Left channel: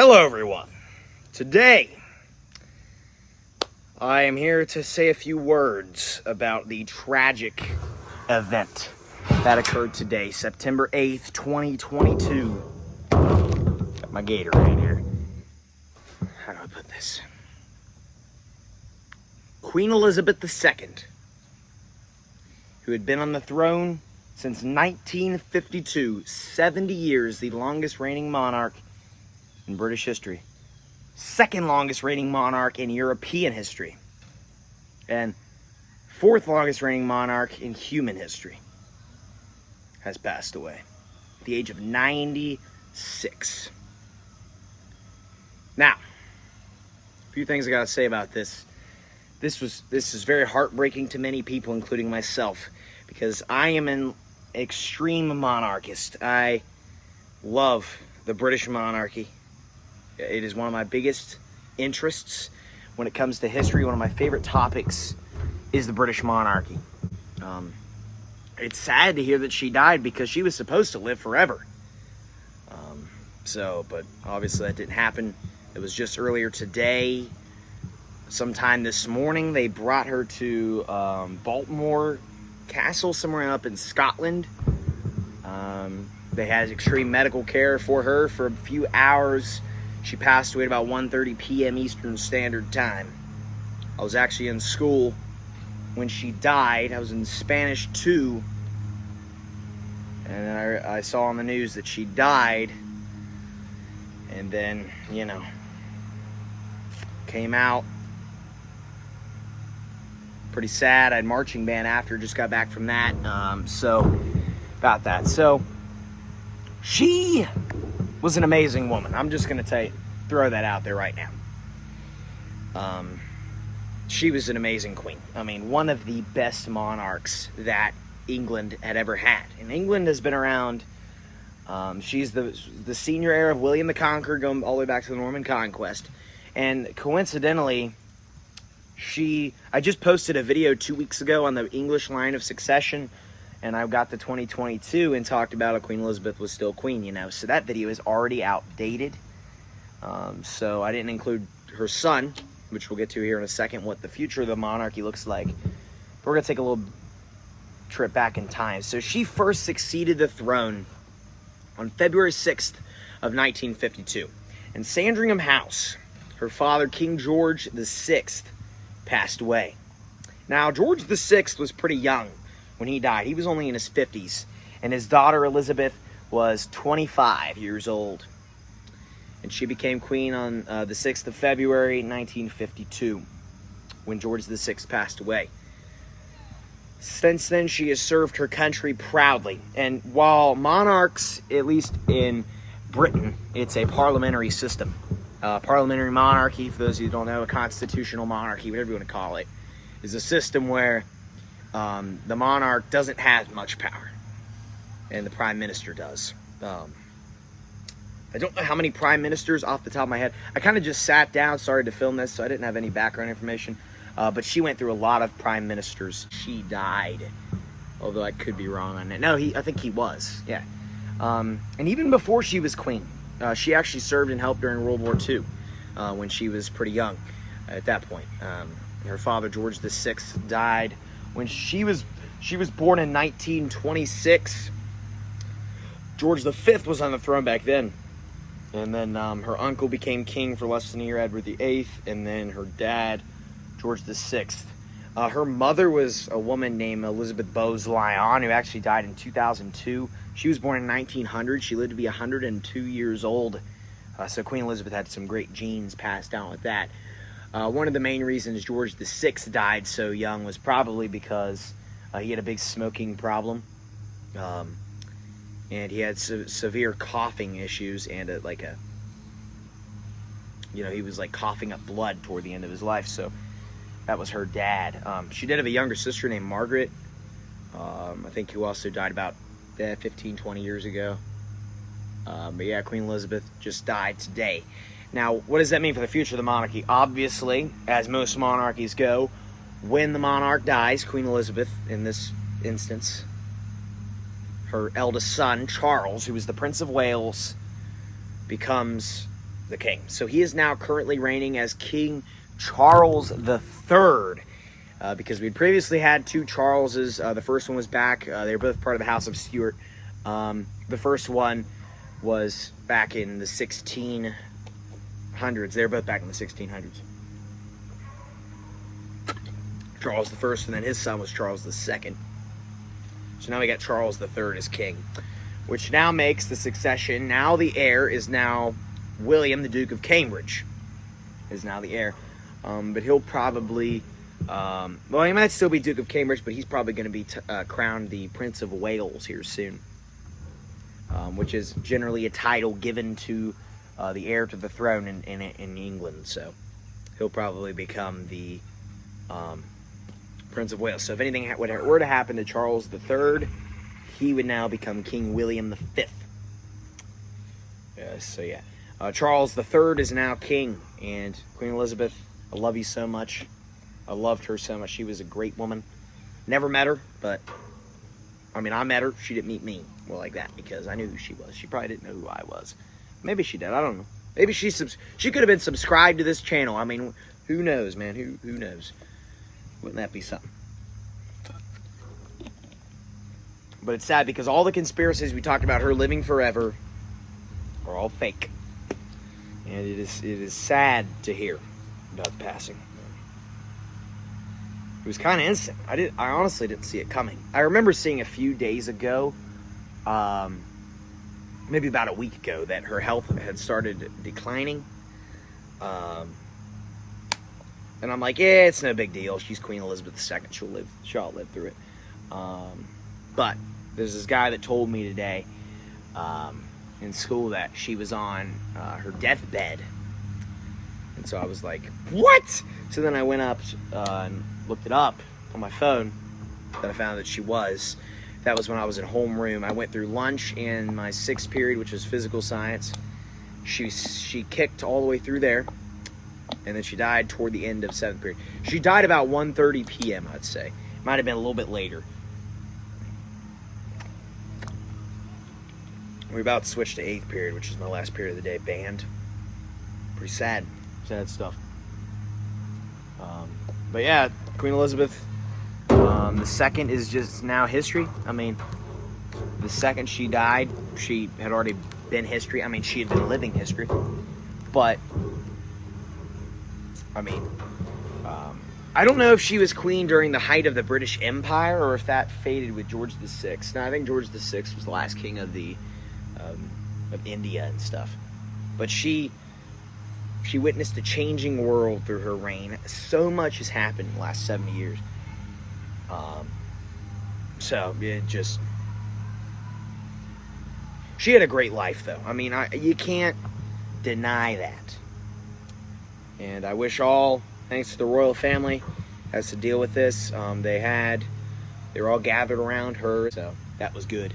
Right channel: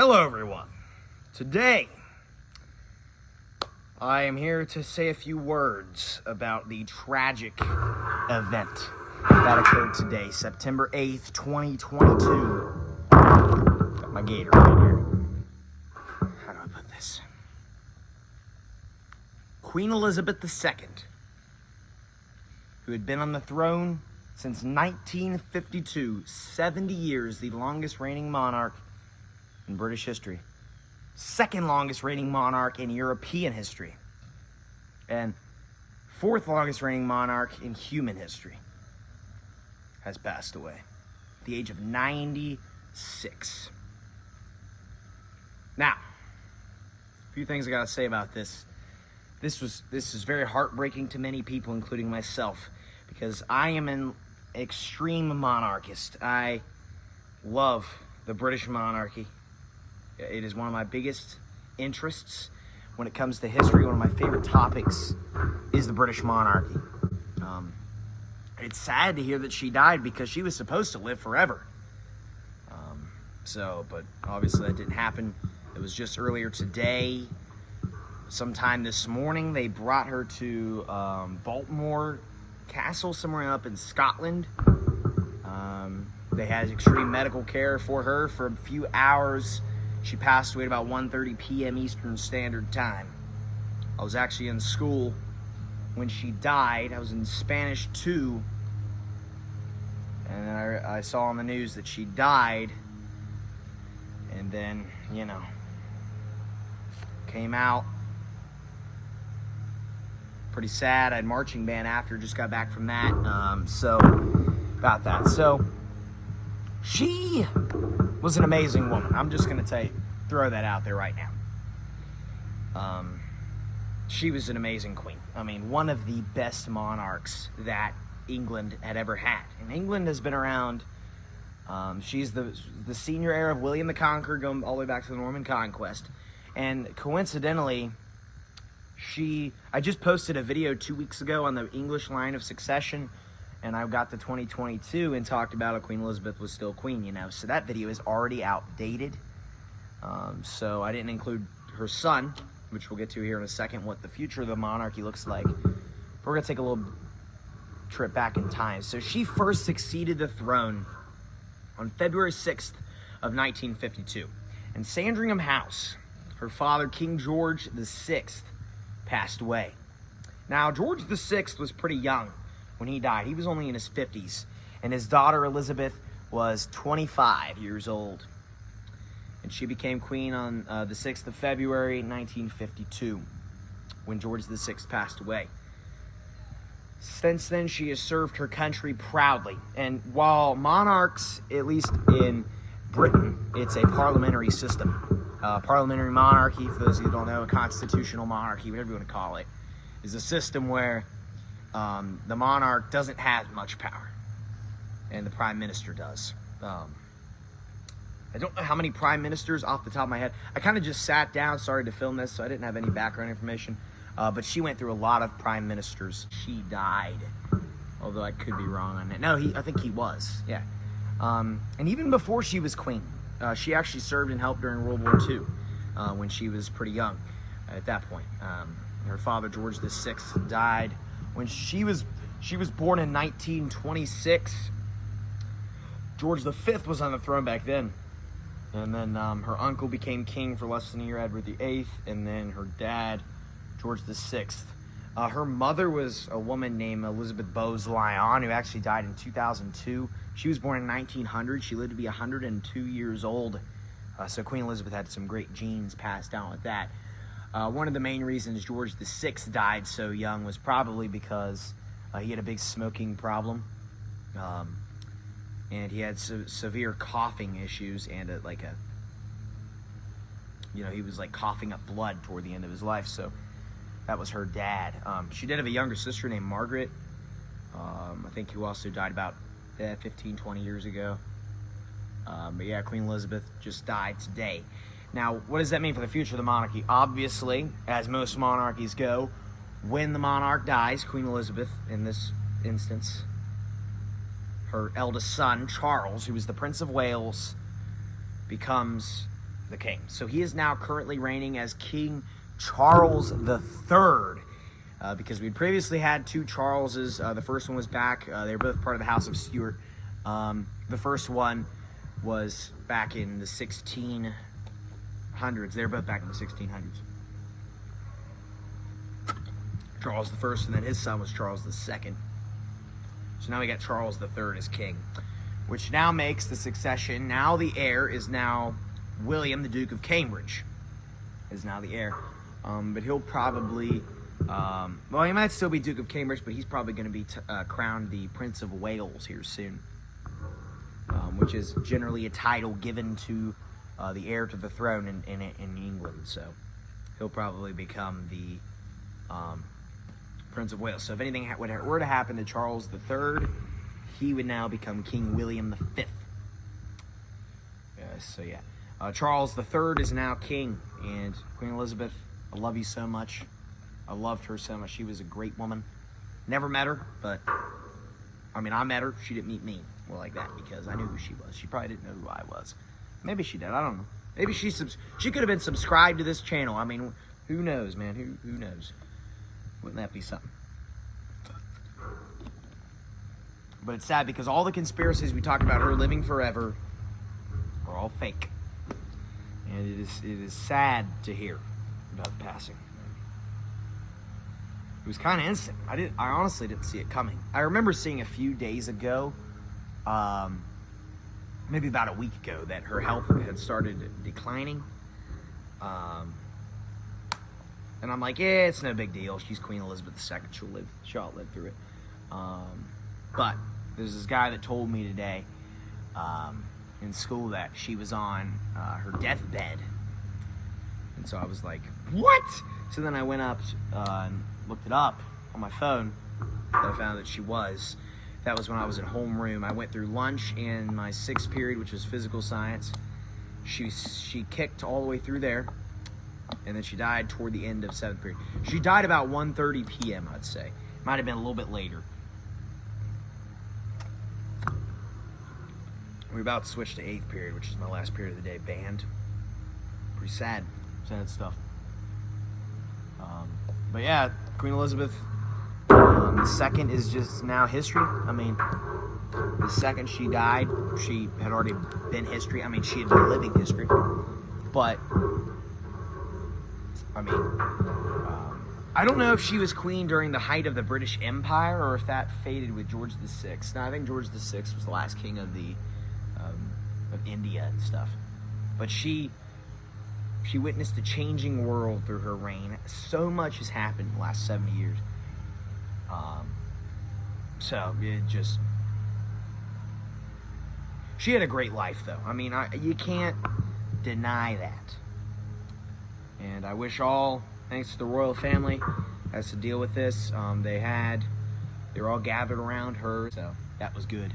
Hello everyone. Today, I am here to say a few words about the tragic event that occurred today, September 8th, 2022. Got my gator right here. How do I put this? Queen Elizabeth II, who had been on the throne since 1952, 70 years, the longest reigning monarch in British history, second longest reigning monarch in European history, and fourth longest reigning monarch in human history, has passed away at the age of 96. Now, a few things I gotta say about this. This is very heartbreaking to many people, including myself, because I am an extreme monarchist. I love the British monarchy. It is one of my biggest interests when it comes to history. One of my favorite topics is the British monarchy. It's sad to hear that she died because she was supposed to live forever. But obviously that didn't happen. It was just earlier today, sometime this morning, they brought her to Baltimore Castle, somewhere up in Scotland. They had extreme medical care for her for a few hours. She passed away at about 1:30 p.m. Eastern Standard Time. I was actually in school when she died. I was in Spanish 2. And I saw on the news that she died. And then, came out. Pretty sad. I had marching band after, just got back from that. About that. So, she was an amazing woman. I'm just going to throw that out there right now. She was an amazing queen. I mean, one of the best monarchs that England had ever had. And England has been around. She's the senior heir of William the Conqueror, going all the way back to the Norman Conquest. And coincidentally, I just posted a video 2 weeks ago on the English line of succession, and I got to 2022 and talked about how Queen Elizabeth was still queen, So that video is already outdated. So I didn't include her son, which we'll get to here in a second, what the future of the monarchy looks like. But we're going to take a little trip back in time. So she first succeeded the throne on February 6th of 1952. In Sandringham House, her father, King George VI, passed away. Now, George VI was pretty young when he died. He was only in his 50s, and his daughter Elizabeth was 25 years old. And she became queen on the 6th of February, 1952, when George VI passed away. Since then, she has served her country proudly. And while monarchs, at least in Britain, it's a parliamentary system. Parliamentary monarchy, for those of you who don't know, a constitutional monarchy, whatever you want to call it, is a system where the monarch doesn't have much power, and the prime minister does. I don't know how many prime ministers off the top of my head. I kind of just sat down, started to film this, so I didn't have any background information. But she went through a lot of prime ministers. She died, although I could be wrong on that. No, I think he was, yeah. And even before she was queen, she actually served and helped during World War II when she was pretty young at that point. Her father, George VI, died when she was born in 1926. George V was on the throne back then. And then her uncle became king for less than a year, Edward VIII, and then her dad, George VI. Her mother was a woman named Elizabeth Bowes-Lyon, who actually died in 2002. She was born in 1900. She lived to be 102 years old. So Queen Elizabeth had some great genes passed down with that. One of the main reasons George VI died so young was probably because he had a big smoking problem. And he had severe coughing issues and he was like coughing up blood toward the end of his life. So that was her dad. She did have a younger sister named Margaret, I think, who also died about 15, 20 years ago. But yeah, Queen Elizabeth just died today. Now, what does that mean for the future of the monarchy? Obviously, as most monarchies go, when the monarch dies, Queen Elizabeth, in this instance, her eldest son, Charles, who was the Prince of Wales, becomes the king. So he is now currently reigning as King Charles the Third. Because we'd previously had two Charleses. The first one was back. They were both part of the House of Stuart. The first one was back in the 1600s. They were both back in the 1600s. Charles the First, and then his son was Charles the Second. So now we got Charles the Third as king, which now makes the succession. Now the heir is now William, the Duke of Cambridge, is now the heir. But he'll probably, well, he might still be Duke of Cambridge, but he's probably going to be crowned the Prince of Wales here soon, which is generally a title given to the heir to the throne in England. So he'll probably become the Prince of Wales. So if anything were to happen to Charles III, he would now become King William V. So yeah, Charles III is now king, and Queen Elizabeth, I love you so much. I loved her so much. She was a great woman. Never met her, but I mean, I met her. She didn't meet me. Well, like that, because I knew who she was. She probably didn't know who I was. Maybe she did. I don't know. Maybe she could have been subscribed to this channel. I mean, who knows, man? Who knows? Wouldn't that be something? But it's sad because all the conspiracies we talked about her living forever are all fake. And it is sad to hear about the passing. It was kind of instant. I honestly didn't see it coming. I remember seeing a few days ago, maybe about a week ago, that her health had started declining. And I'm like, yeah, it's no big deal. She's Queen Elizabeth II. She'll outlive through it. But there's this guy that told me today in school that she was on her deathbed. And so I was like, what? So then I went up and looked it up on my phone, and I found that she was. That was when I was in homeroom. I went through lunch and my 6th period, which was physical science. She kicked all the way through there, and then she died toward the end of 7th period. She died about 1:30 p.m., I'd say. Might have been a little bit later. We're about to switch to 8th period, which is my last period of the day. Banned. Pretty sad stuff. But yeah, Queen Elizabeth II is just now history. I mean, the second she died, she had already been history. I mean, she had been living history. But I mean, I don't know if she was queen during the height of the British Empire or if that faded with George VI. Now, I think George VI was the last king of of India and stuff. But she witnessed a changing world through her reign. So much has happened in the last 70 years. So it just... She had a great life, though. I mean, you can't deny that. And I wish all, thanks to the royal family, has to deal with this. They were all gathered around her, so that was good.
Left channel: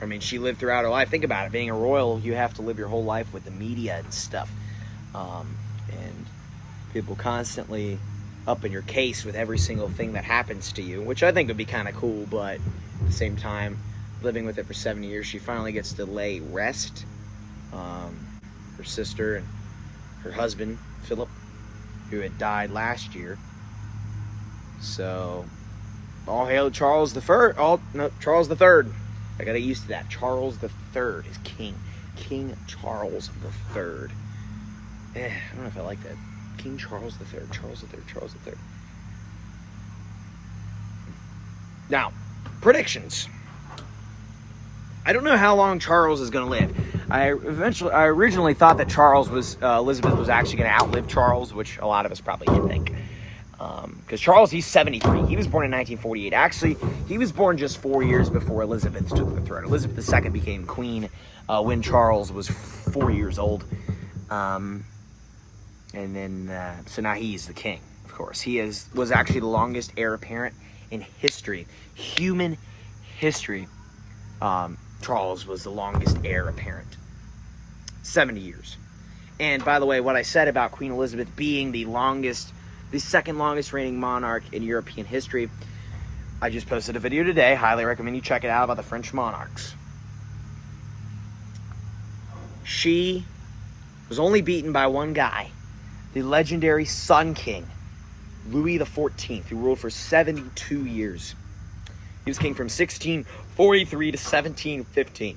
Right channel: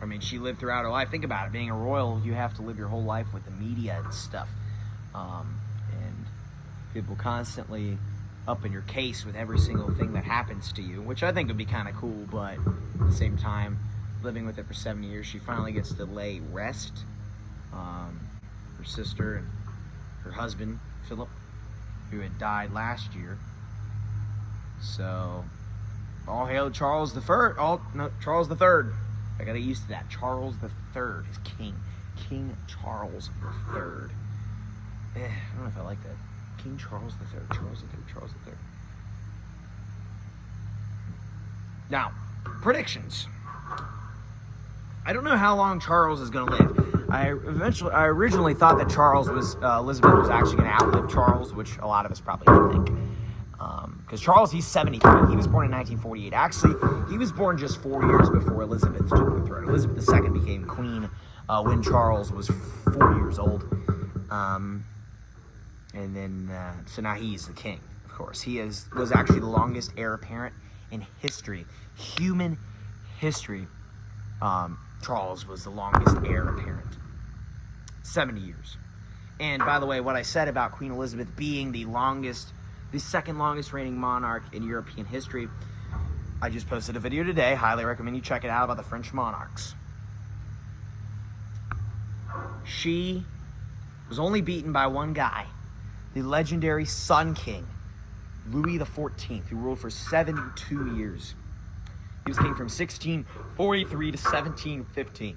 I mean, she lived throughout her life. Think about it. Being a royal, you have to live your whole life with the media and stuff. And people constantly up in your case with every single thing that happens to you, which I think would be kind of cool, but at the same time, living with it for 7 years, she finally gets to lay rest. Her sister and her husband, Philip, who had died last year. So, all hail Charles Charles the Third. I got used to that. Charles the Third is king. King Charles the Third. I don't know if I like that. King Charles the Third. Charles the Third. Charles the Third. Now, predictions. I don't know how long Charles is going to live. I originally thought that Elizabeth was actually going to outlive Charles, which a lot of us probably did think. Because Charles, he's 73. He was born in 1948. Actually, he was born just 4 years before Elizabeth took the throne. Elizabeth II became queen when Charles was 4 years old. And then, so now he's the king, of course. He was actually the longest heir apparent in history. Human history. Charles was the longest heir apparent. 70 years. And by the way, what I said about Queen Elizabeth being the second longest reigning monarch in European history, I just posted a video today. Highly recommend you check it out about the French monarchs. She was only beaten by one guy, the legendary Sun King, Louis XIV, who ruled for 72 years. He was king from 1643 to 1715.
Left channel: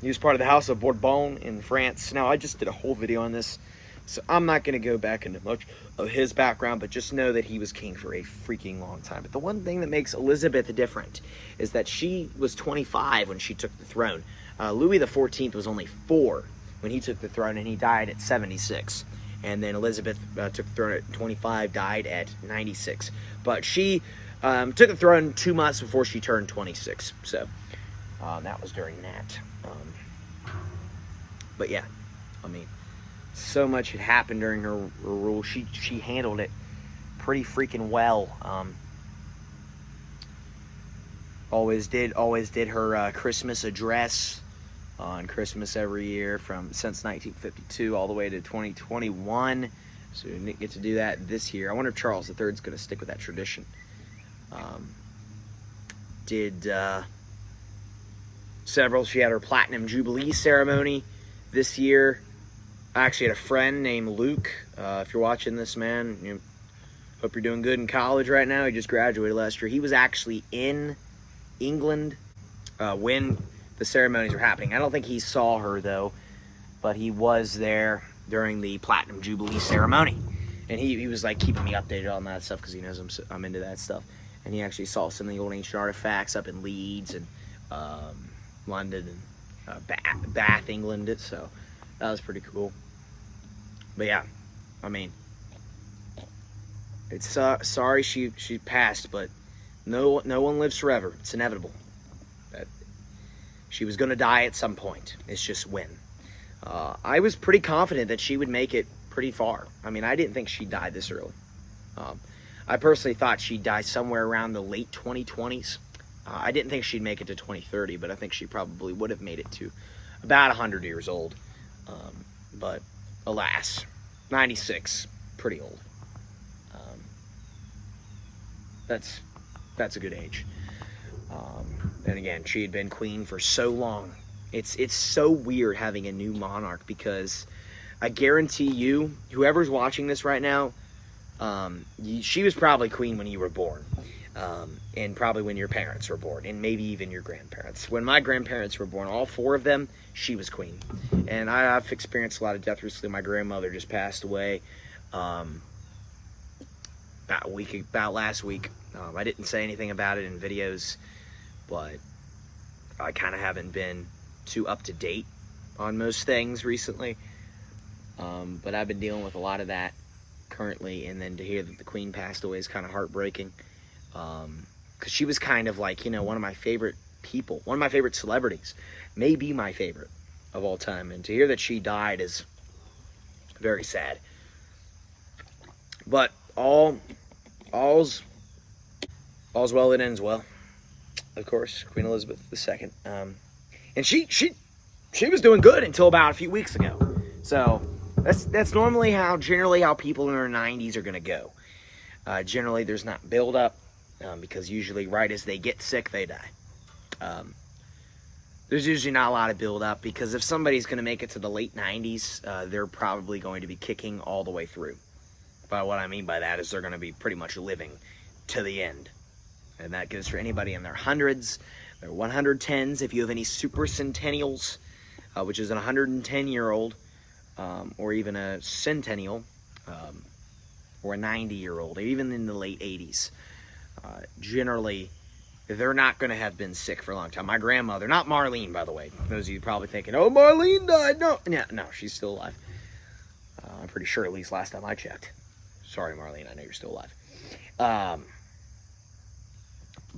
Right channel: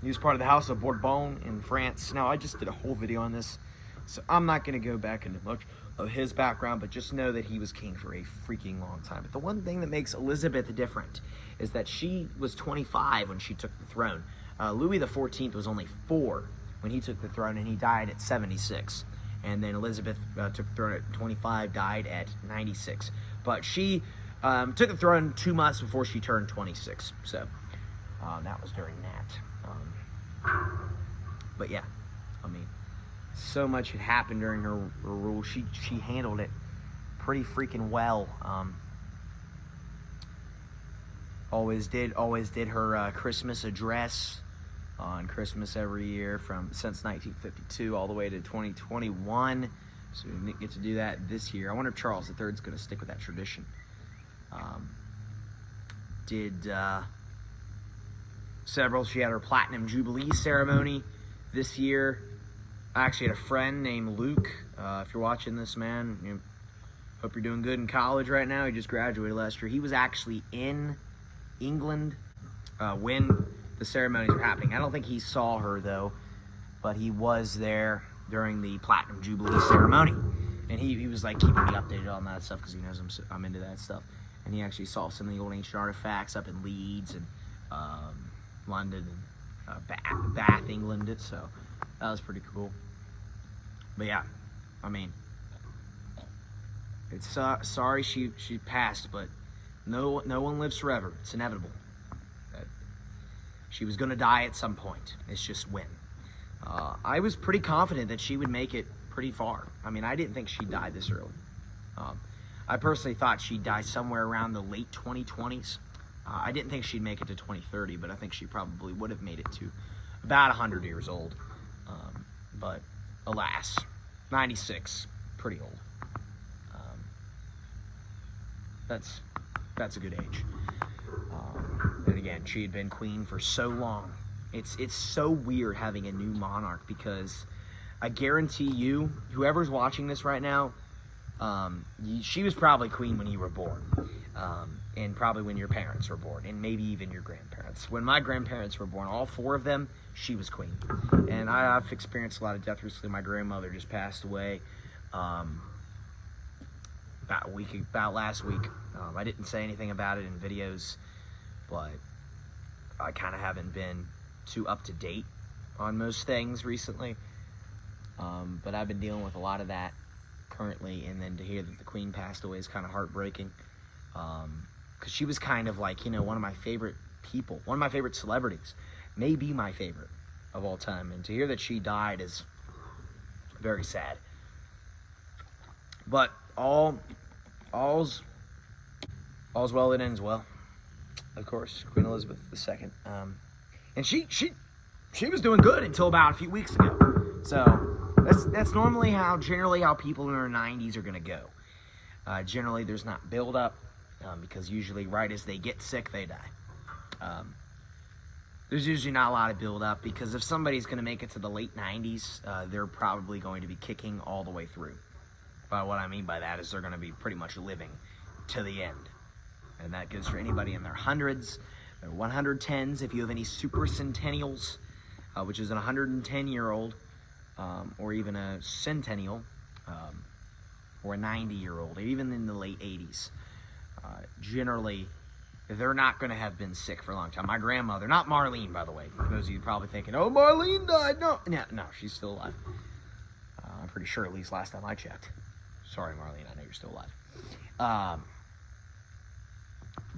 He was part of the House of Bourbon in France. Now, I just did a whole video on this, so I'm not going to go back into much of his background, but just know that he was king for a freaking long time. But the one thing that makes Elizabeth different is that she was 25 when she took the throne. Louis XIV was only 4 when he took the throne, and he died at 76. And then Elizabeth took the throne at 25, died at 96. But she took the throne 2 months before she turned 26. So that was during that. But yeah, I mean, so much had happened during her rule. She handled it pretty freaking well. Always did her Christmas address on Christmas every year since 1952 all the way to 2021. So we didn't get to do that this year. I wonder if Charles III is going to stick with that tradition. She had her Platinum Jubilee ceremony this year. I actually had a friend named Luke. If you're watching this, man, hope you're doing good in college right now. He just graduated last year. He was actually in England when the ceremonies were happening. I don't think he saw her, though, but he was there during the Platinum Jubilee ceremony. And he was, like, keeping me updated on that stuff because he knows I'm into that stuff. And he actually saw some of the old ancient artifacts up in Leeds and London and Bath, England. So that was pretty cool. But yeah, I mean, it's sorry she passed, but no one lives forever. It's inevitable. She was gonna die at some point. It's just when. I was pretty confident that she would make it pretty far. I mean, I didn't think she'd die this early. I personally thought she'd die somewhere around the late 2020s. I didn't think she'd make it to 2030, but I think she probably would have made it to about 100 years old. But alas, 96, pretty old. That's a good age. And again, she had been queen for so long. It's so weird having a new monarch because I guarantee you, whoever's watching this right now, she was probably queen when you were born. And probably when your parents were born, and maybe even your grandparents. When my grandparents were born, all 4 of them, she was queen. And I've experienced a lot of death recently. My grandmother just passed away about last week. I didn't say anything about it in videos, but I kind of haven't been too up to date on most things recently. But I've been dealing with a lot of that currently, and then to hear that the queen passed away is kind of heartbreaking. Because she was kind of like, one of my favorite people, one of my favorite celebrities, maybe my favorite of all time. And to hear that she died is very sad. But all's well that ends well. Of course, Queen Elizabeth II. And she was doing good until about a few weeks ago. So that's normally generally how people in their 90s are gonna go. Generally, there's not build up. Because usually right as they get sick, they die. There's usually not a lot of build up because if somebody's going to make it to the late 90s, they're probably going to be kicking all the way through. But what I mean by that is they're going to be pretty much living to the end. And that goes for anybody in their hundreds, their 110s, if you have any super centennials, which is an 110-year-old, or even a centennial, or a 90-year-old, or even in the late 80s. Generally, they're not going to have been sick for a long time. My grandmother, not Marlene, by the way. Those of you probably thinking, oh, Marlene died. No, she's still alive. I'm pretty sure, at least last time I checked. Sorry, Marlene, I know you're still alive.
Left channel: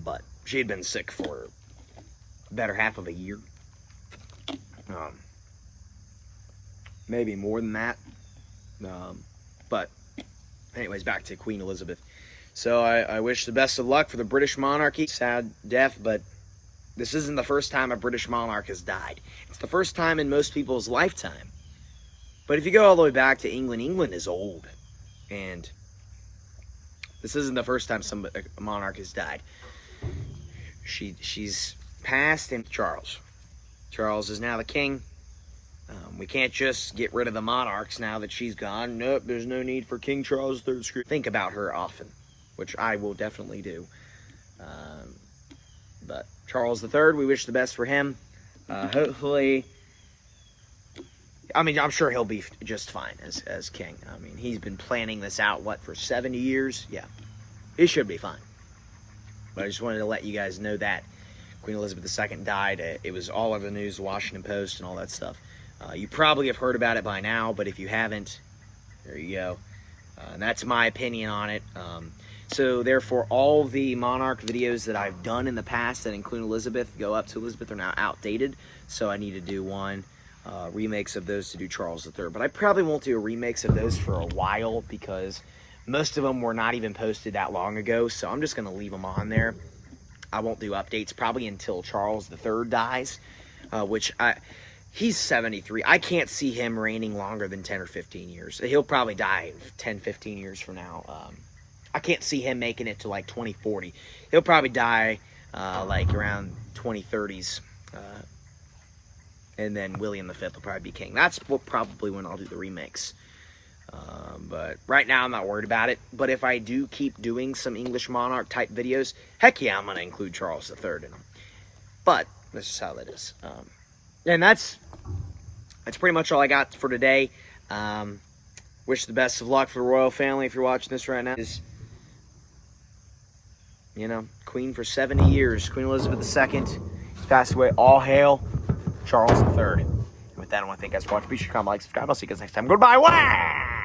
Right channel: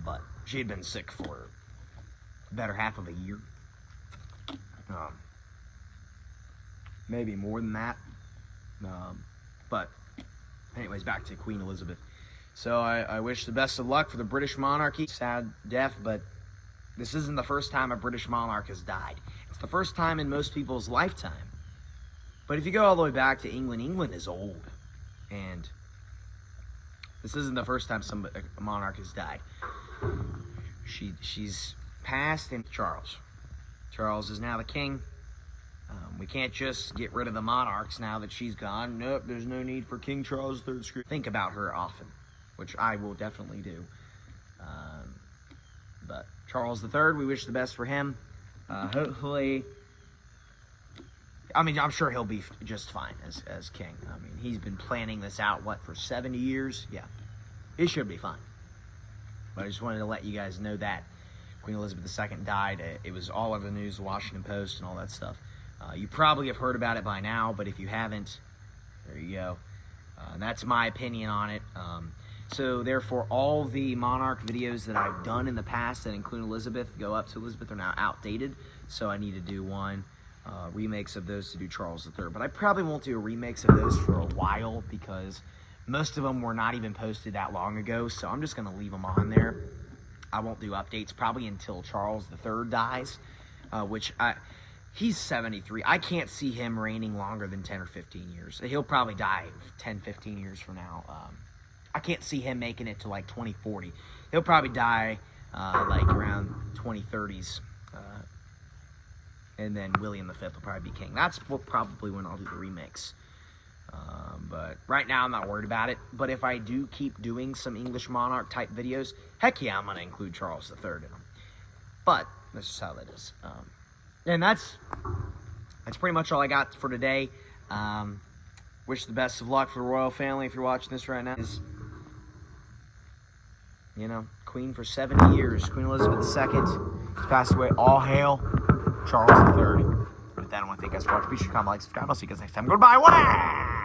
But she had been sick for a better half of a year. Maybe more than that. But anyways, back to Queen Elizabeth. So I wish the best of luck for the British monarchy. Sad death, but this isn't the first time a British monarch has died. It's the first time in most people's lifetime. But if you go all the way back to England, England is old. And this isn't the first time a monarch has died. She's passed, and Charles is now the king. We can't just get rid of the monarchs now that she's gone. Nope, there's no need for King Charles III. Think about her often, which I will definitely do. But Charles III, we wish the best for him. Hopefully, I mean, I'm sure he'll be just fine as king. I mean, he's been planning this out, for 70 years? Yeah, he should be fine. But I just wanted to let you guys know that Queen Elizabeth II died. It was all over the news, the Washington Post, and all that stuff. You probably have heard about it by now, but if you haven't, there you go. And that's my opinion on it. So therefore, all the monarch videos that I've done in the past that include Elizabeth, go up to Elizabeth, are now outdated. So I need to do one remakes of those to do Charles III. But I probably won't do a remakes of those for a while because most of them were not even posted that long ago. So I'm just going to leave them on there. I won't do updates probably until Charles III dies, he's 73. I can't see him reigning longer than 10 or 15 years. He'll probably die 10, 15 years from now. I can't see him making it to like 2040. He'll probably die like around 2030s. And then William V will probably be king. That's probably when I'll do the remakes. But right now I'm not worried about it. But if I do keep doing some English monarch type videos, heck yeah, I'm going to include Charles III in them. But that's just how that is. And that's pretty much all I got for today. Wish the best of luck for the royal family if you're watching this right now. Queen for 70 years. Queen Elizabeth II passed away. All hail Charles III. With that, I want to thank you guys for watching. Be sure to comment, like, subscribe. I'll see you guys next time. Goodbye. Wow!